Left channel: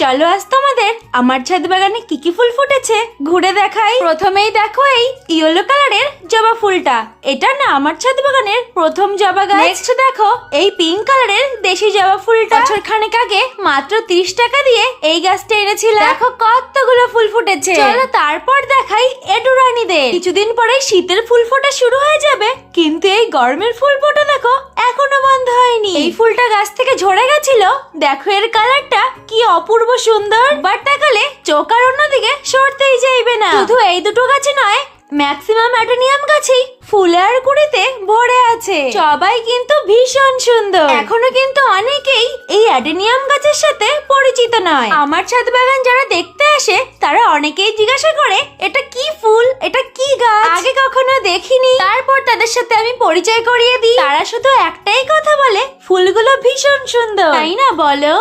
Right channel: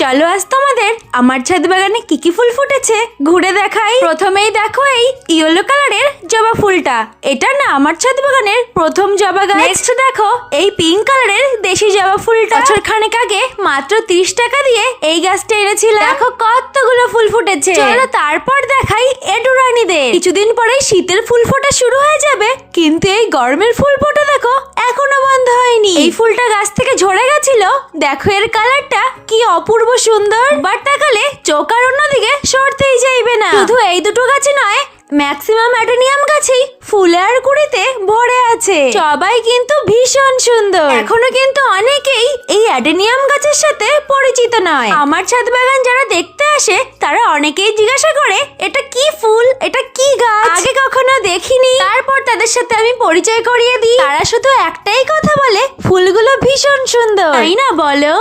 চলো আজ তোমাদের আমার ছাদ বাগানে কি কি ফুল ফুটেছে ঘুরে দেখাই। প্রথমেই দেখো এই ইয়েলো কালারের জবা ফুলটা। এটা না আমার ছাদ বাগানের প্রথম জবা গাছ। নেক্সট দেখো এই পিঙ্ক কালারের দেশি জবা ফুলটা বছর খানেক আগে মাত্র তিরিশ টাকা দিয়ে এই গাছটা এনেছিলাম। দেখো কতগুলো ফুল ফুটেছে। চলো তারপর দেখাই এডুরানিদের। কিছুদিন পরে শীতের ফুল ফোটা শুরু হয়ে যাবে কিন্তু এই গরমের ফুল ফোটা দেখো এখনও বন্ধ হয়নি। এই ফুলটা গাছ থেকে ঝরে গেছিল। দেখো এর কালারটা, কি অপূর্ব সুন্দর। বাট তাকালে চোখ আর অন্যদিকে সরতেই যাইবে না। শুধু এই দুটো গাছে নয়, ম্যাক্সিমাম অ্যাডেনিয়াম গাছেই ফুলে আর কুড়িতে ভরে আছে। সবাই কিন্তু ভীষণ সুন্দর। এখনও কিন্তু অনেকেই এই অ্যাডেনিয়াম গাছের সাথে পরিচিত নয়। আমার ছাদ বাগান যারা দেখতে আসে, তারা অনেকেই জিজ্ঞাসা করে, এটা কি ফুল? এটা কি গাছ? আগে কখনো দেখিনি। তারপর তাদের সাথে আমি পরিচয় করিয়ে দিই। তারা শুধু একটাই কথা বলে, ফুলগুলো ভীষণ সুন্দর। তাই না বলো?